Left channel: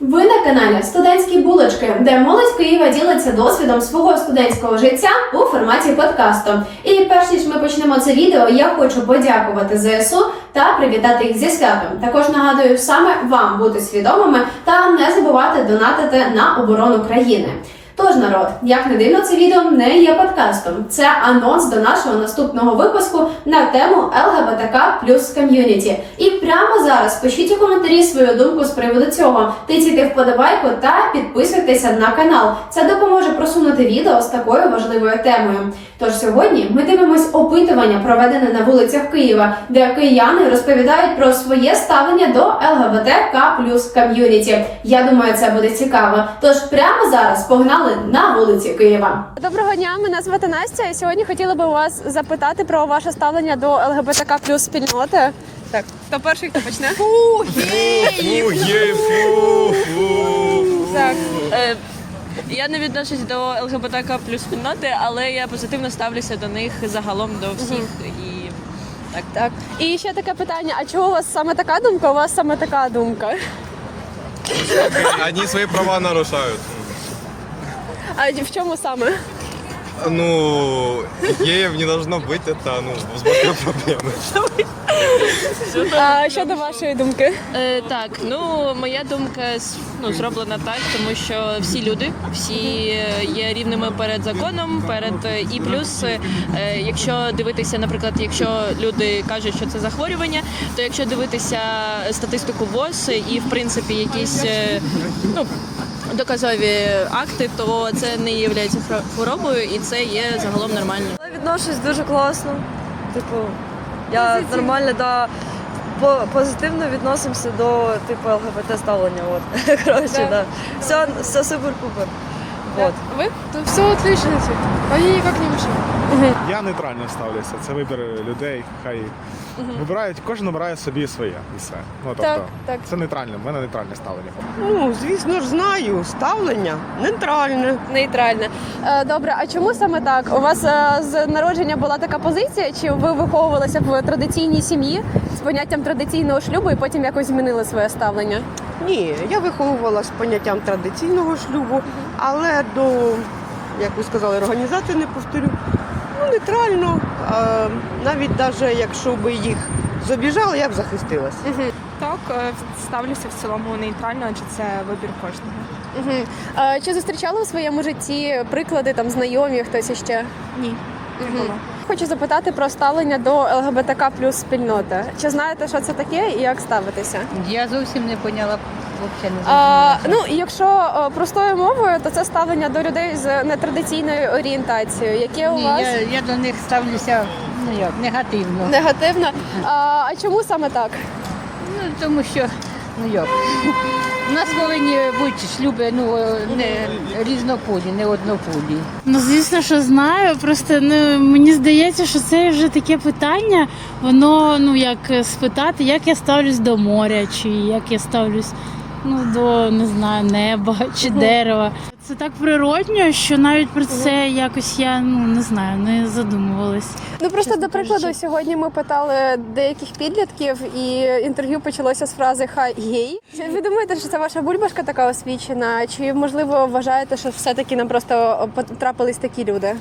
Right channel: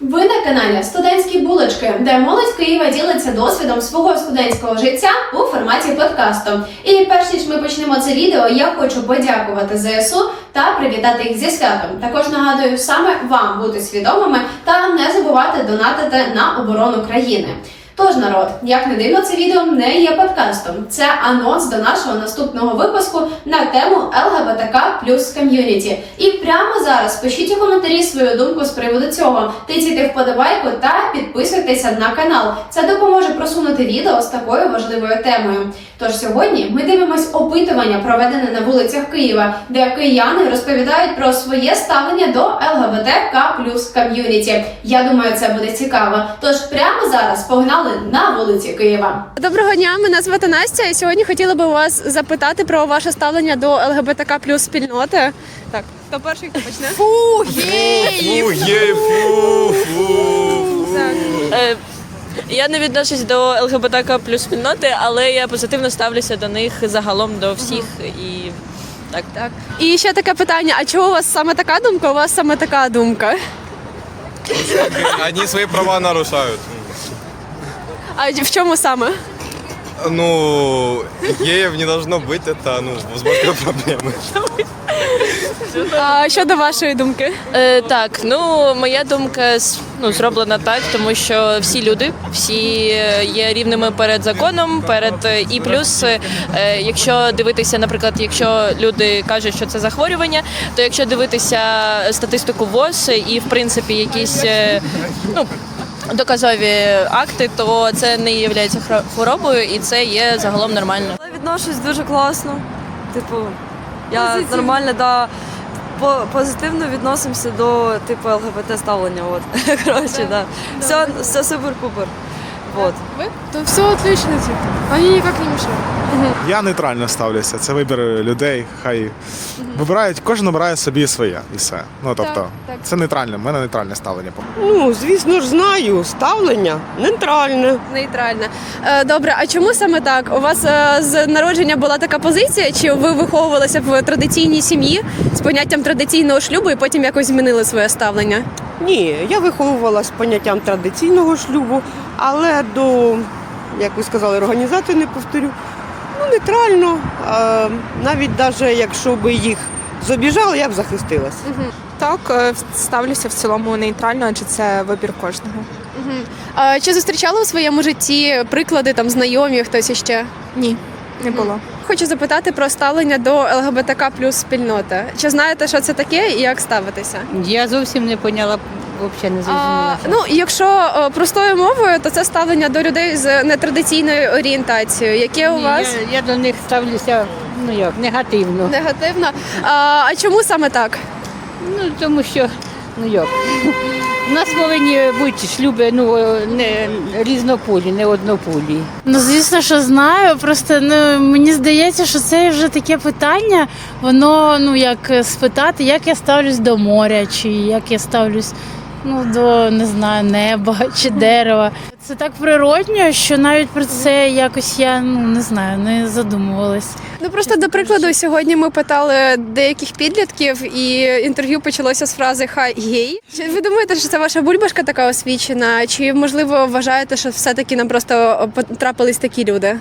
Ви на каналі Студентські булочки, де молодь Києва ділиться досвідом свого студентського життя у форматі подкасту. І перш ніж ми почнемо це відео, я хочу подякувати ЗСУ та привітати їх зі святом. Також нагадую саме вам бути свідомими та не забувати донатити на оборону країни. Тож, народ, як не дивно, це відео не є подкастом. Це анонс до нашого наступного випуску на тему ЛГБТК плюс ком'юніті. І прямо зараз пишіть у коментарі свою думку з приводу цього. Тиційте вподобайку та підписуйтеся на канал. Це допоможе просунути відео з такою важливою темою. Тож сьогодні ми дивимось опитування, проведене на вулицях Києва, де кияни розповідають про своє ставлення до ЛГБТК плюс ком'юніті. Я думаю, це буде цікаво. Тож прямо зараз погнали на вулиці Києва. Доброго дня, мене звати Настя. І сьогодні хотіла би у вас запитати про ваше ставлення до ЛГБТК плюс спільноти. Так, хто перший, хто почне? Фу, є, фу, фу. Так. Е, Я не відношусь до ЛГБТК плюс спільноти, але я позитивно ставлюся до них загалом до всіх і так. Так. І ще таке питання: а чого у вас саме така думка? У вас саме така думка? Они свои права нарушают. А в чому саме? Ну, геев не должно быть, это, ну, возможно, проблемы. А щодо вашої думки? Е, так, ну моя думка с- ну, зроблена так, тому що всі люди, всі е, є рівними перед законом, перед е, і плюс, е, якщо дивитися, наприклад, якщо люди кажуть, що це захворювання, то якщо дивитися статистику ВОЗ і в принципі якісь е, ну. Доказові акти, то це не є хворобою, і це є загалом нормально. Я відношусь дуже класно. Типу, я нормально да, по- позитивно відносимося до типу ЛГБТ ставлення. От. Коротше, да. Все, все супер-пупер. Вот. То все отлично. Вони ніяк не. Я нейтрально ставлюся. Це вибір людей. Хай вибирають, кожен обирає собі своє і все. Ну тобто, так. це нейтральне. в мене нейтральне ставлення. Ну, звісно ж, знаю. Ставлення нейтральне. Нейтрально. Е, Добре, а чому саме так? У вас е, з народження була така позиція, чи ви виховувалися в традиційній сім'ї з поняттям традиційного шлюбу і потім якось змінили своє ставлення? Ні, я виховувалася з поняттям традиційного шлюбу, але до, як ви сказали, організації не повторю. Ну, нейтрально. Навіть навіть якщо би їх зобіжали, я б захистилась. Так, е, ставлюся в цілому нейтрально, адже це вибір кожного. Угу. А чи зустрічали у своєму житті приклади там знайомі, хтось іще? Ні, не було. Хочу запитати про ставлення до ЛГБТК плюс спільноти. Чи знаєте, що це таке і як ставитися? Я зовсім не поняла, взагалі не А, зрозуміла. ну, якщо е, простою мовою, то це ставлення до людей з нетрадиційною орієнтацією. Яке у Ні, вас я, я до них ставлюся ну як, негативно. негативно? А, а чому саме так? Ну тому що ну як. У нас повинні бути шлюби ну, не різнополі, не однополі. Ну, звісно, що знаю. Просто ну мені здається, що це вже таке питання. Воно ну як спитати, як я ставлюсь до моря, чи як я ставлюсь ну до не знаю, неба чи дерева. Це так природньо, що навіть про це якось я ну не знаю, не задумувалась. Ну просто до прикладу, сьогодні ми питали деяких підлітків, і інтерв'ю почалося з фрази хай гей. Чи ви думаєте, що це ваша бульбашка така освічена? Чи можливо вважаєте, що все-таки нам просто потрапились такі люди?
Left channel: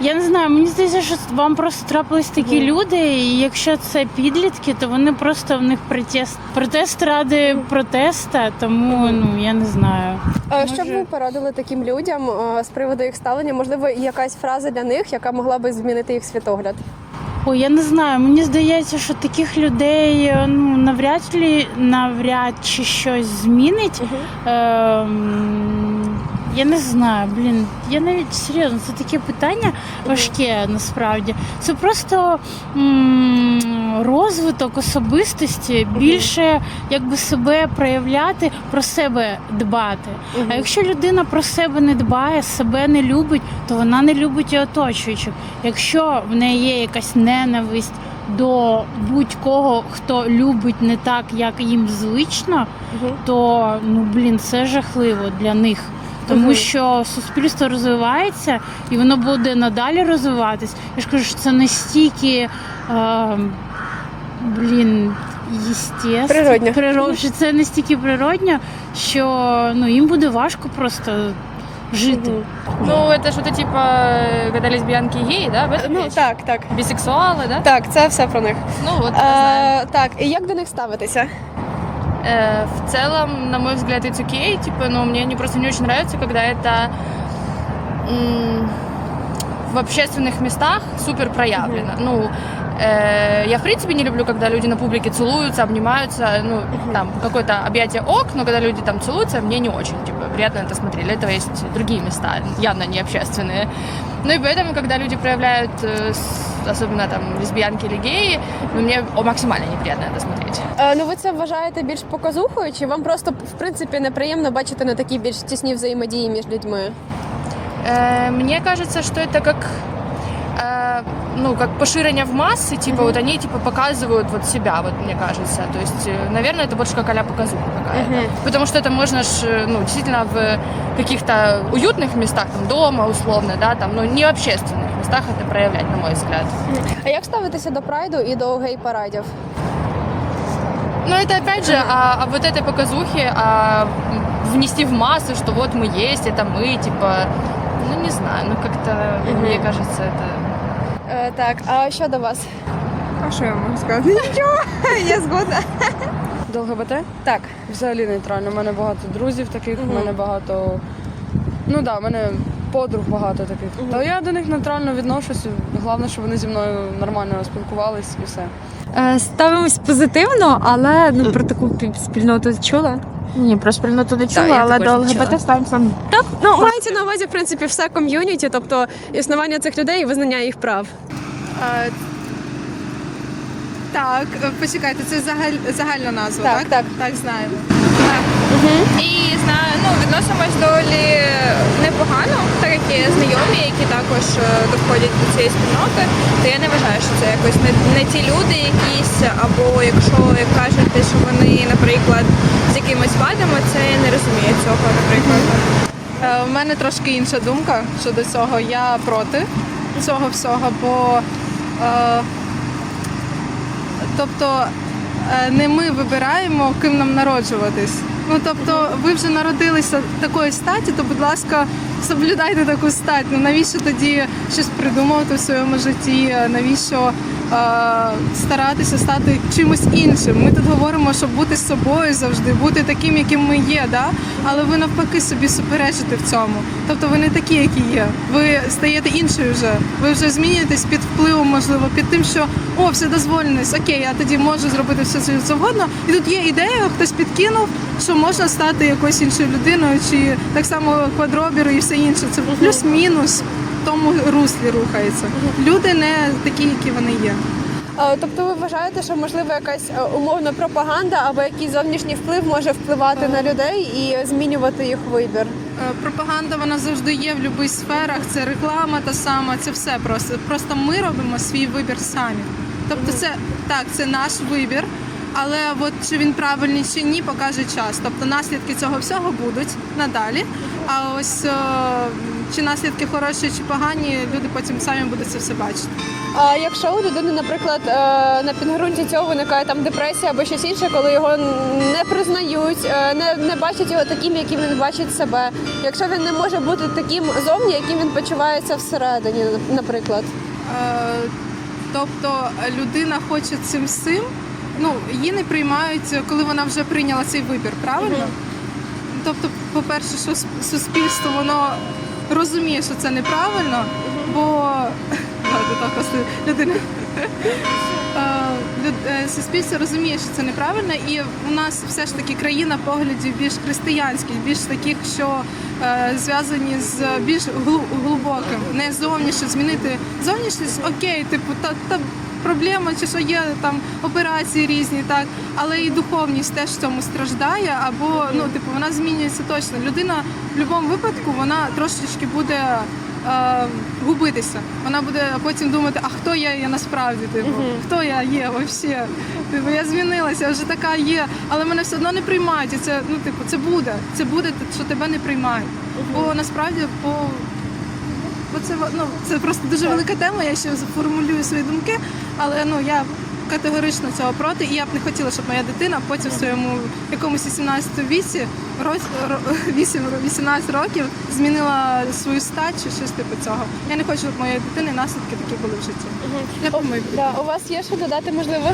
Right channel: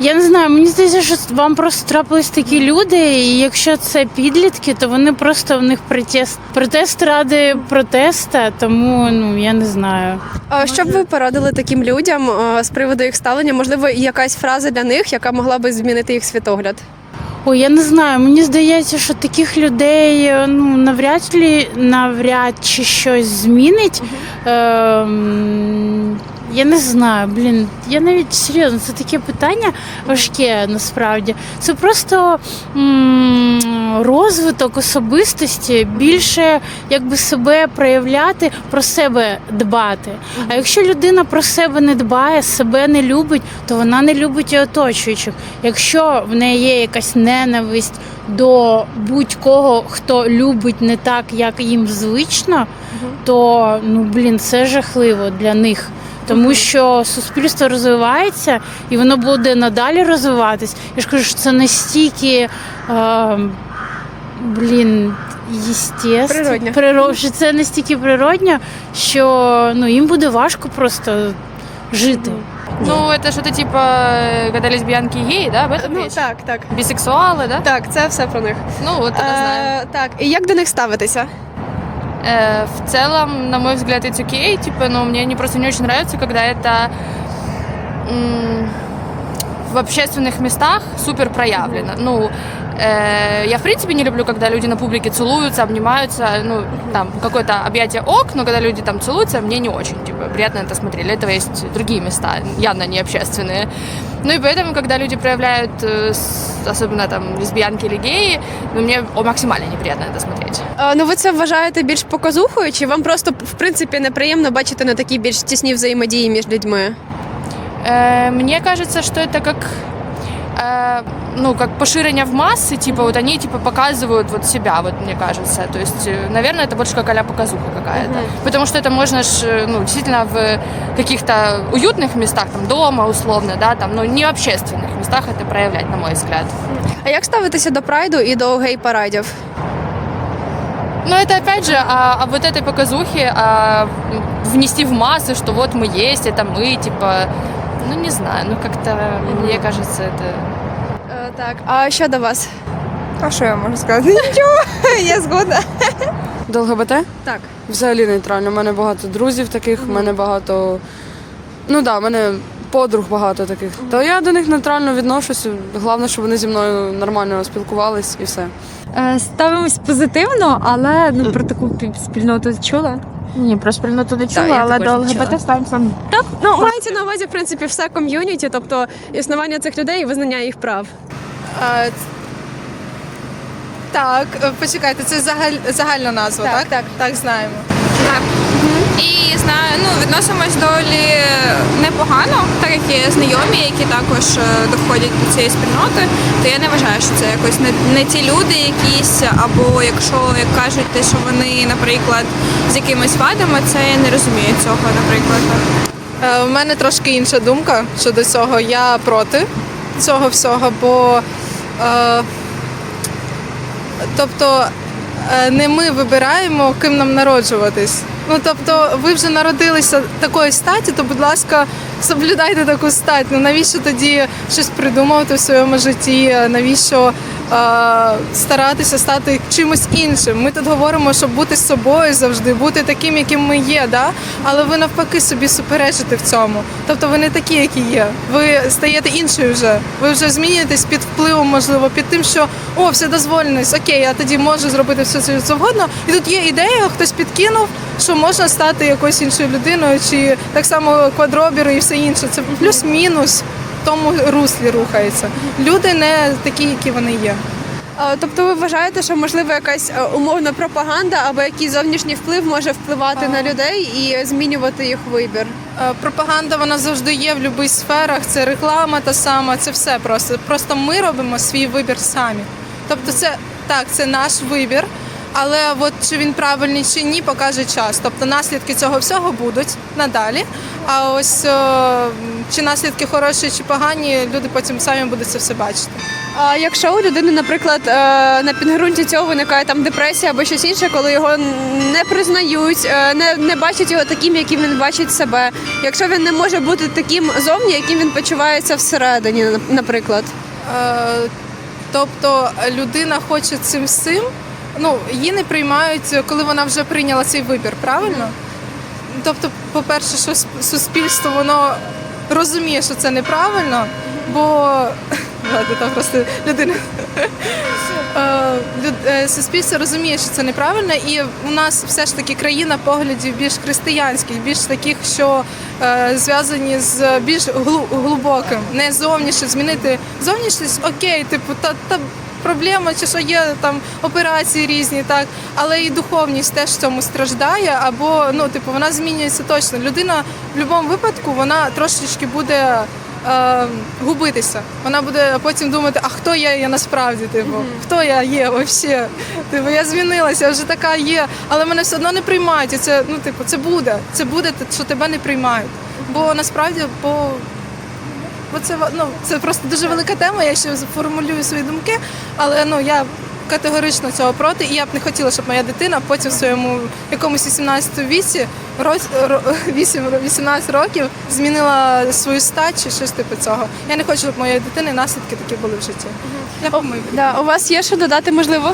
Я не знаю, мені здається, що вам просто трапились такі люди, і якщо це підлітки, то вони просто в них протест, протест ради протеста, тому ну я не знаю. А Що б ви порадили таким людям е, з приводу їх ставлення? Можливо, якась фраза для них, яка могла би змінити їх світогляд? Ой, я не знаю. Мені здається, що таких людей ну навряд ли навряд чи щось змінить. Ем, я не знаю, блін. Я навіть серйозно, це таке питання важке насправді. Це просто м- розвиток особистості, більше якби себе проявляти, про себе дбати. А якщо людина про себе не дбає, себе не любить, то вона не любить і оточуючих. Якщо в неї є якась ненависть до будь-кого, хто любить не так, як їм звично, то ну блін, це жахливо для них Тому що суспільство розвивається і воно буде надалі розвиватись. Я ж кажу, що це настільки е, блін, естественно, Природньо. природ- що це настільки природньо, що ну, їм буде важко просто жити. Ну, это что-то типа, когда лесбиянки и геи, да? об этом Ну речь? так, так. Бисексуалы, да? Так, це все про них. Ну, вот, я знаю. Е, так, і як до них ставитися? Э, в целом, на мой взгляд, it's окей. Типа, ну, мне не просто не очень нравится, когда это м, в общественных местах супер проявлено. Ну, э, я в принципе не люблю, когда люди на публике целуются, обнимаются. Ну, там какое-то объятие ок, но когда люди там целуются, мне не очень типа приятно это смотреть. Для этого есть другие места, явно не общественные. Ну и поэтому, когда люди проявляют, э, с- особенно там лесбиянки или геи, ну, мне о, максимально неприятно это смотреть. Е, ну ви це вважаєте більш показухою, чи вам просто в принципі неприємно бачити на такі більш тісні взаємодії між людьми? Э, Мне кажется, что это как э, ну, как поширение в массы, типа, вот они, типа, показывают вот себя, вот, мне кажется. То есть, э, наверное, это больше как а показуха какая-то. Потому что это можно ж, э, ну, действительно в каких-то уютных местах, там, дома, условно, да, там, ну, не в общественных местах это проявлять, на мой взгляд. А як ставитися до прайду і до гей-парадів? Но это, опять же, о, об вот этой показухе, а внести в массы, что вот мы есть, это мы, типа, ну, не знаю, ну, как-то, мне кажется, это... Так, а що до вас? А що я можу сказати? Нічого, я згодна. До ЛГБТ? Так. Взагалі нейтрально. У мене багато друзів таких, у мене багато. Ну так, да, у мене подруг багато таких. То я до них нейтрально відношуся. Головне, щоб вони зі мною нормально спілкувались і все. Е, Ставимось позитивно, але ну про таку пі- спільноту чула. Ні, про спільноту не чула, я але також до не ЛГБТ ставимося. Так, ну мається на увазі, в принципі, все ком'юніті, тобто існування цих людей і визнання їх прав. Так, е, почекайте, це загаль, загальна назва, Так, так? так. Так, знаємо. І знаю, ну відносимось доволі непогано, так як є знайомі, які також е, доходять до цієї спільноти, то я не вважаю, що це якось не, не ті люди якісь, або якщо як кажуть, що вони, наприклад, з якимись вадами, це я не розумію цього, наприклад. Е, У мене трошки інша думка щодо цього. Я проти цього всього, бо е, тобто е, не ми вибираємо, ким нам народжуватись. Ну тобто, ви вже народилися такої статі, то будь ласка, соблюдайте таку стать. Ну навіщо тоді щось придумувати в своєму житті? Навіщо е, старатися стати чимось іншим? Ми тут говоримо, щоб бути собою завжди, бути таким, яким ми є, да? але ви навпаки собі суперечите в цьому. Тобто ви не такі, які є. Ви стаєте іншою вже. Ви вже змінюєтесь під впливом, можливо, під тим, що о, все дозволеність, окей, я тоді можу зробити все це завгодно. І тут є ідея, хтось підкинув, що можна стати якоюсь іншою людиною, чи так само квадробіру і все інше. Це плюс-мінус тому руслі рухається. Люди не такі, які вони є. Тобто ви вважаєте, що можливо якась е, умовна пропаганда або якийсь зовнішній вплив може впливати на людей і змінювати їх вибір? Е, Пропаганда вона завжди є в будь-яких сферах. Це реклама та сама, це все просто. Просто ми робимо свій вибір самі. Тобто, це так, це наш вибір. Але от чи він правильний чи ні, покаже час. Тобто наслідки цього всього будуть надалі. А ось е, чи наслідки хороші чи погані, люди потім самі будуть це все бачити. А якщо у людини, наприклад, е, на підґрунті цього виникає там депресія або щось інше, коли його не признають, е, не, не бачать його таким, яким він бачить себе. Якщо він не може бути таким зовні, яким він почувається всередині, наприклад. Е, Тобто людина хоче цим всім, ну її не приймають, коли вона вже прийняла цей вибір, правильно? Тобто, по-перше, що суспільство воно розуміє, що це неправильно, бо так людина. Люд- е, Суспільство розуміє, що це неправильно, і у нас все ж таки країна поглядів більш християнських, більш таких, що е, зв'язані з більш глибоким, не зовніше змінити зовнішність, окей, типу, та, та проблема, чи що є там операції різні, так, але і духовність теж в цьому страждає, або ну, типу, вона змінюється точно. Людина в будь-якому випадку вона трошечки буде. Е, губитися. Вона буде потім думати, а хто я є насправді? Типу, хто я є взагалі? Типу, я змінилася, вже така є, але мене все одно не приймають. І це ну, типу, це буде. Це буде, що тебе не приймають. Бо насправді, бо, бо це ну, це просто дуже велика тема. Я ще формулюю свої думки, але ну я категорично цього проти, і я б не хотіла, щоб моя дитина потім в своєму якомусь 18 віці, роз- ро- 8, 18 років змінила свою стать чи щось типу цього. Я не хочу, щоб моєї дитини наслідки такі були в житті. Угу. Да, у вас є що додати, можливо?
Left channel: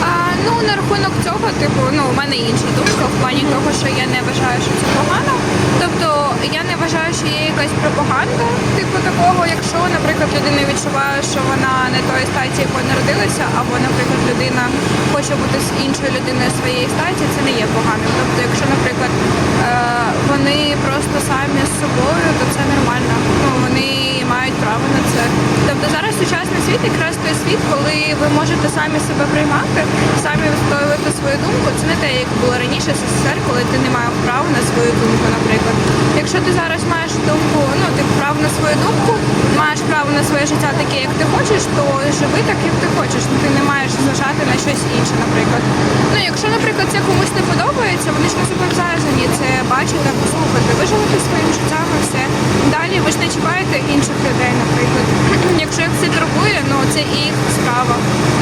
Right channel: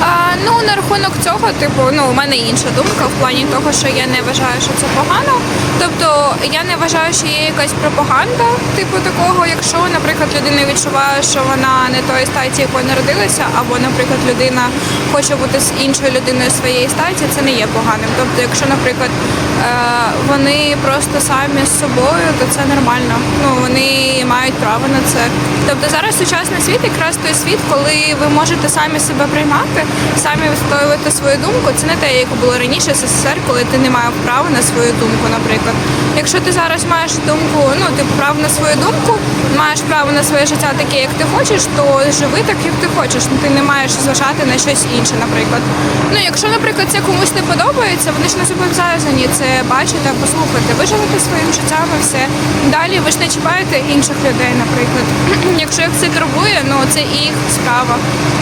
А, ну, на рахунок цього, типу, ну, у мене інша думка в плані того, що я не вважаю, що це погано. Тобто я не вважаю, що є якась пропаганда, типу такого, якщо, наприклад, людина відчуває, що вона не тої статі, якою народилася, або, наприклад, людина хоче бути з іншою людиною своєї статі, це не є поганим. Тобто, якщо, наприклад, е, вони просто самі з собою, то це нормально. Ну, вони мають право на це. Тобто зараз сучасний світ якраз той світ, коли ви можете самі себе приймати, самі встоювати свою думку. Це не те, як було раніше СССР, коли ти не мав права на свою думку, наприклад. Якщо ти зараз маєш думку, ну типу право на свою думку, маєш право на своє життя таке, як ти хочеш, то живи так, як ти хочеш. Ну ти не маєш зважати на щось інше, наприклад. Ну якщо, наприклад, це комусь не подобається, вони ж не зобов'язані це бачити, послухати. Ви живете своїм життям і все. Далі ви ж не чіпаєте інших людей, наприклад. Якщо їх це турбує, ну це їх справа.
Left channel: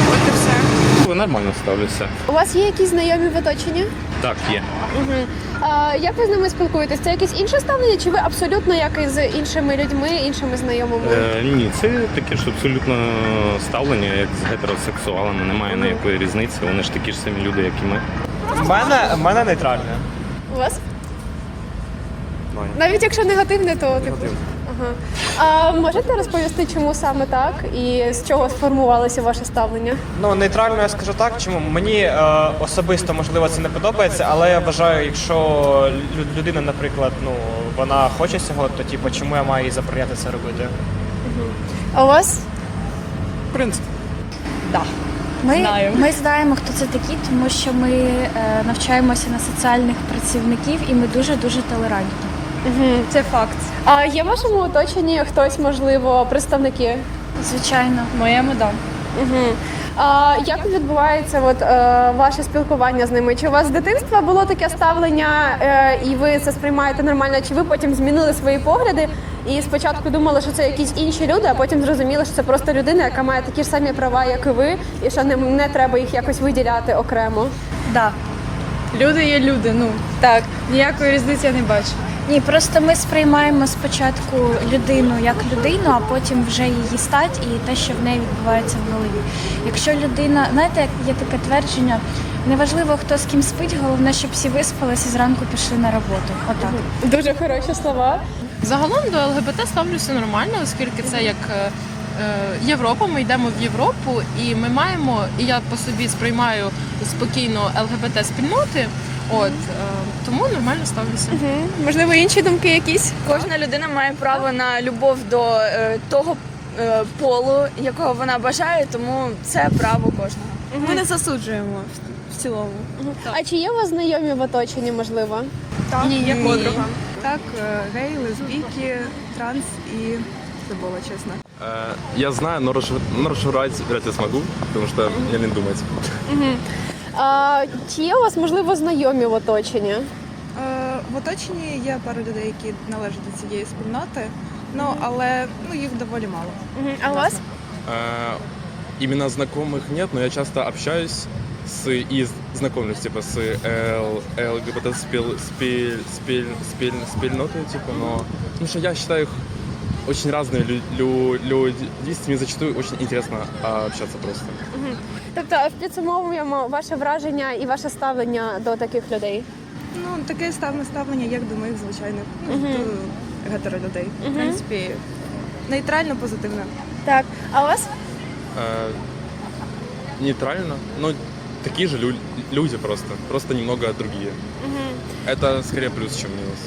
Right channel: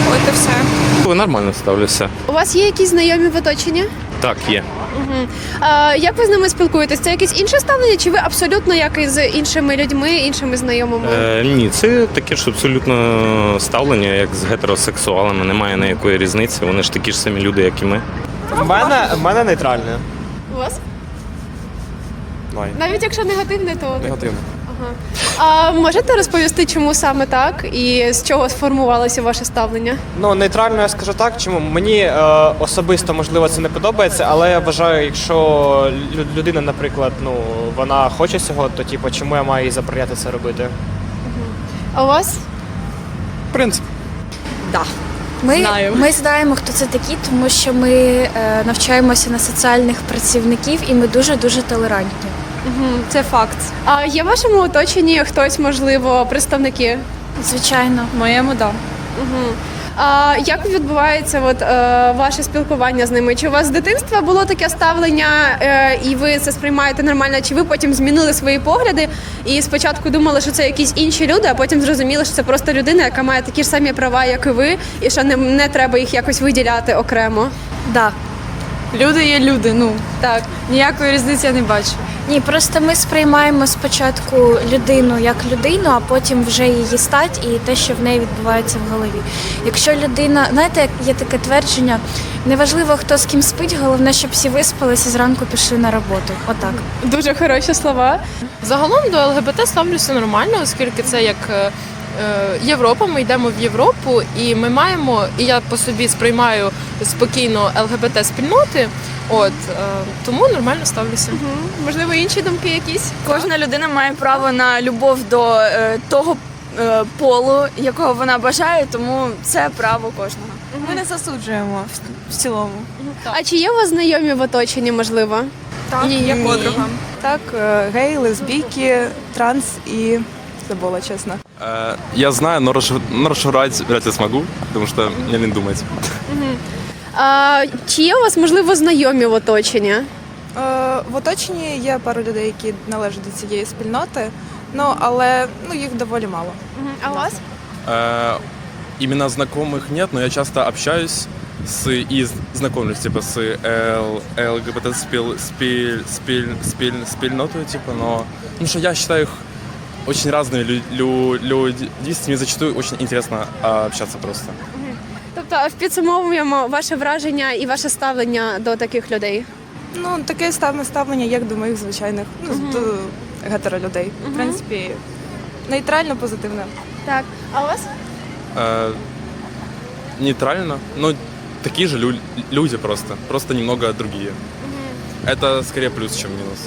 От і все. Нормально ставлюся. У вас є якісь знайомі в оточенні? Так, є. Угу. А, як ви з ними спілкуєтесь? Це якесь інше ставлення, чи ви абсолютно як і з іншими людьми, іншими знайомими? Е, ні, це таке ж абсолютно ставлення, як з гетеросексуалами. Немає ніякої різниці. Вони ж такі ж самі люди, як і ми. У мене, у мене нейтральне. У вас? Навіть якщо негативне, то типу, Негативно. Ага. А можете розповісти, чому саме так і з чого сформувалося ваше ставлення? Ну, нейтрально я скажу так, чому мені е, особисто можливо це не подобається, але я вважаю, якщо людина, наприклад, ну вона хоче цього, то типу, чому я маю їй забороняти це робити? А у вас? В принципі. Ми, ми знаємо, хто це такі, тому що ми е, навчаємося на соціальних працівників і ми дуже дуже толерантні. Угу. Це факт. А є в вашому оточенні хтось, можливо, представники? Звичайно, моєму да. Угу. А як відбувається от, е, ваше спілкування з ними? Чи у вас з дитинства було таке ставлення, е, і ви це сприймаєте нормально? Чи ви потім змінили свої погляди і спочатку думали, що це якісь інші люди, а потім зрозуміли, що це просто людина, яка має такі ж самі права, як і ви, і що не, не треба їх якось виділяти окремо? Да. Люди є люди, ну Так. ніякої різниці я не бачу. Ні, просто ми сприймаємо спочатку людину як людину, а потім вже її стать і те, що в неї відбувається в голові. Якщо людина, знаєте, є таке твердження, неважливо хто з ким спить, головне, щоб всі виспалися і зранку пішли на роботу. Отак. Дуже хороші слова. Загалом до ЛГБТ ставлюся нормально, оскільки це як е, Європа. Ми йдемо в Європу, і ми маємо, і я по собі сприймаю спокійно ЛГБТ спільноти. От е, тому нормально ставлюся. Угу. Можливо, інші думки якісь? Кожна людина має право на любов до е, того полу, якого вона бажає, тому це право кожного. Ми не засуджуємо в, цілому. А чи є у вас знайомі в оточенні, можливо? Ні, є подруга. Так, гей, лесбійки, транс і забула, чесно. Э, я знаю, но, расшиф... но расшифровать вряд ли смогу, потому что мне не думать. А, чи є у вас, можливо, знайомі в оточенні? Е, В оточенні є пару людей, які належать до цієї спільноти, ну але ну їх доволі мало. А у вас? Э, именно знакомых нет, но я часто общаюсь с и знакомлюсь типа с Л, ЛГБТ спил, спиль, спиль, спиль, спільнотою, типа, но ну что я считаю их очень разные лю, лю, люди, с ними зачастую очень интересно а, общаться просто. Тобто підсумовуємо ваше враження і ваше ставлення до таких людей. Ну таке саме ставлення, як до моїх звичайних ну, до гетеролюдей. В принципі, нейтрально позитивно. Так, а у вас? Э, нейтрально, но такие же лю- люди просто, просто немного другие. Это скорее плюс, чем минус.